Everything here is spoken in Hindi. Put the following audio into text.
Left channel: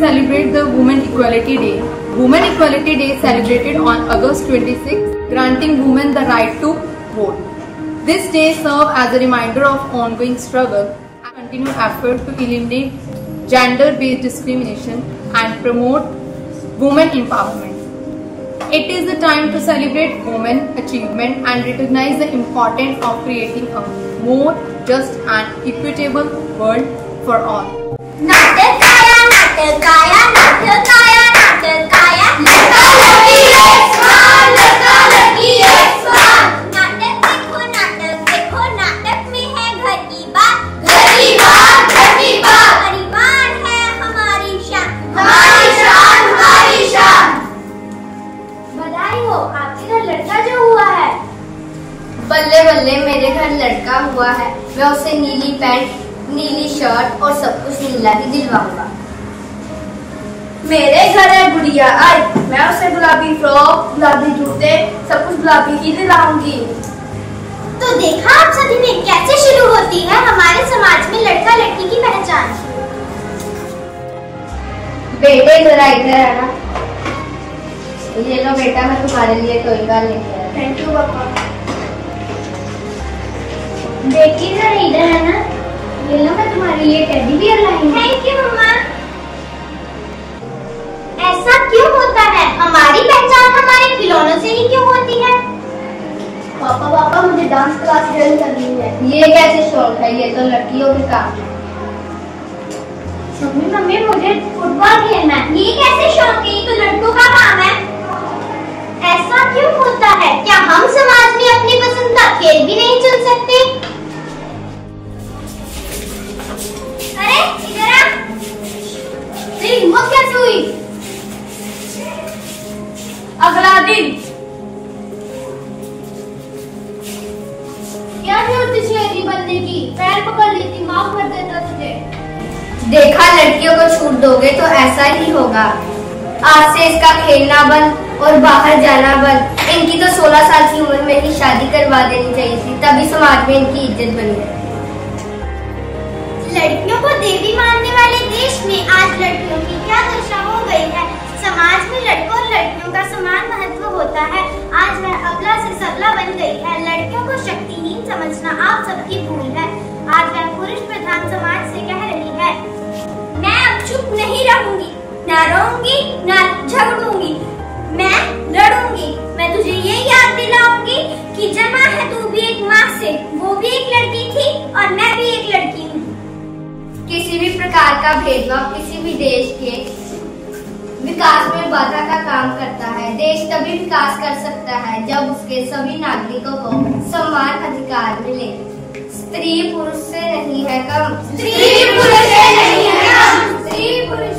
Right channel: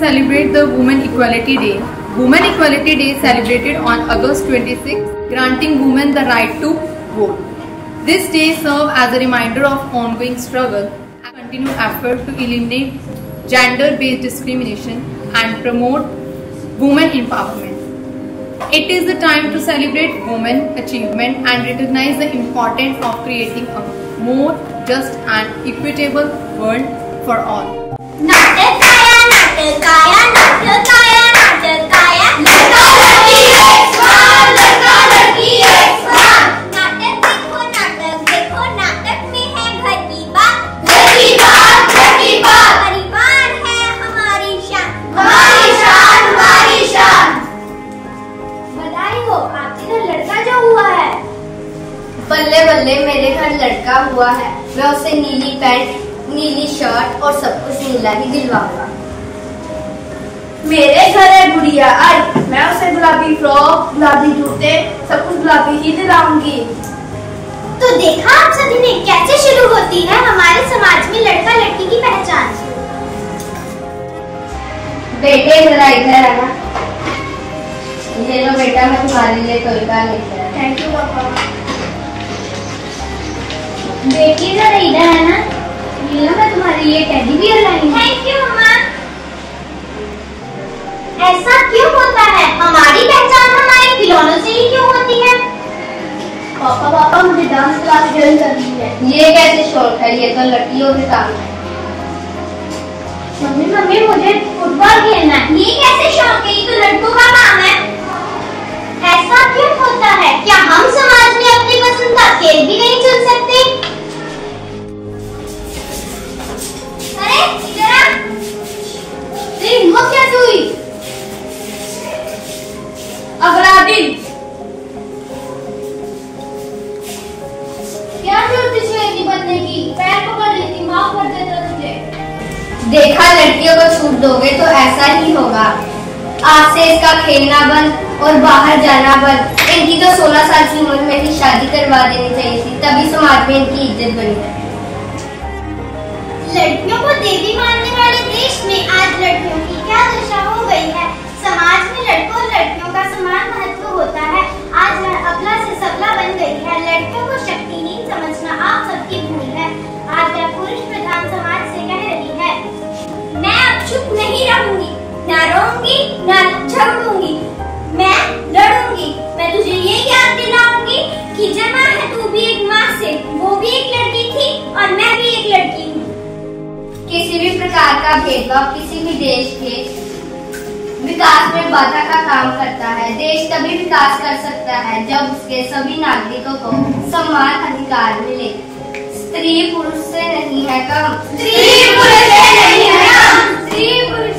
celebrate the Women Equality Day. Women Equality Day is celebrated on August 26, granting women the right to vote. This day serves as a reminder of ongoing struggle and continued effort to eliminate gender-based discrimination and promote women empowerment. It is the time to celebrate women's achievement and recognize the importance of creating a more just and equitable world for all. नाटकाया नाटकाया नाटकाया नाटकाया लड़का लड़की एक समान लड़का लड़की एक समान नाटक देखो नाटक में है घर की बात परिवार है हमारी शान हमारी शान। बधाई हो आपके घर लड़का जो हुआ है। बल्ले बल्ले मेरे घर लड़का हुआ है। मैं उसे नीली पैंट नीली शर्ट और सब कुछ नीला ही दिलवाऊंगा। मेरे घर है गुड़िया आई, मैं उसे गुलाबी फ्रॉक गुलाबी जूते सब कुछ गुलाबी ही दिलाऊंगी। तो देखा आप सभी ने कैसे शुरू होती है हमारे समाज में लड़का लड़की की पहचान। बेटे जरा इधर आना। ये लो बेटा, मैं तुम्हारे लिए टॉय कार लेके आया। थैंक यू पापा। बेटी जरा इधर है ना, ये लो मैं तुम्हारे लिए टेडी बियर लाई हूं। थैंक यू मम्मा। ऐसा क्यों होता है? हमारी पहचान हमारे खिलौनों से ही क्यों होती है? पापा मुझे डांस क्लास ज्वाइन करनी है। ये कैसे शौक है? ये तो लड़कियों के काम है। मम्मी मुझे फुटबॉल खेलना है। ये कैसे शौक है? ये तो लड़कों का काम है। ऐसा क्यों होता है? क्या हम समाज में अपनी पसंद का खेल भी नहीं चुन सकते? अरे इधर आ। तेरी हिम्मत कैसे हुई? अगला दिन क्या जरूरत थी लड़की बनने की? पैर पकड़ लेती, माफ कर देता तुझे। देखा, लड़कियों को छूट दोगे तो ऐसा ही होगा। आज से इसका खेलना बंद और बाहर जाना बंद। इनकी तो 16 साल की उम्र में ही शादी करवा देनी चाहिए थी, तभी समाज में इनकी इज्जत बनी है। लड़कियों को देवी मानने वाले देश में आज लड़कियों की क्या दशा हो गई है। समाज में लड़कों और लड़कियों का समान महत्व होता है। आज वह अबला से सबला बन गई है। लड़कियों को शक्तिहीन समझना आप सबकी भूल है। आज वह पुरुष प्रधान समाज से कह रही है, मैं अब चुप नहीं रहूंगी, न रोऊंगी न झगड़ूंगी, मैं लड़ूंगी। मैं तुझे ये याद दिलाऊंगी कि जना है तू भी एक माँ से, वो भी एक लड़की थी और मैं भी एक लड़की हूँ। किसी भी प्रकार का भेदभाव किसी भी देश के विकास में बाधा का काम करता है। देश तभी विकास कर सकता है जब उसके सभी नागरिकों को समान अधिकार मिले। स्त्री पुरुष से नहीं है कम, स्त्री पुरुष से नहीं है कम, स्त्री पुरुष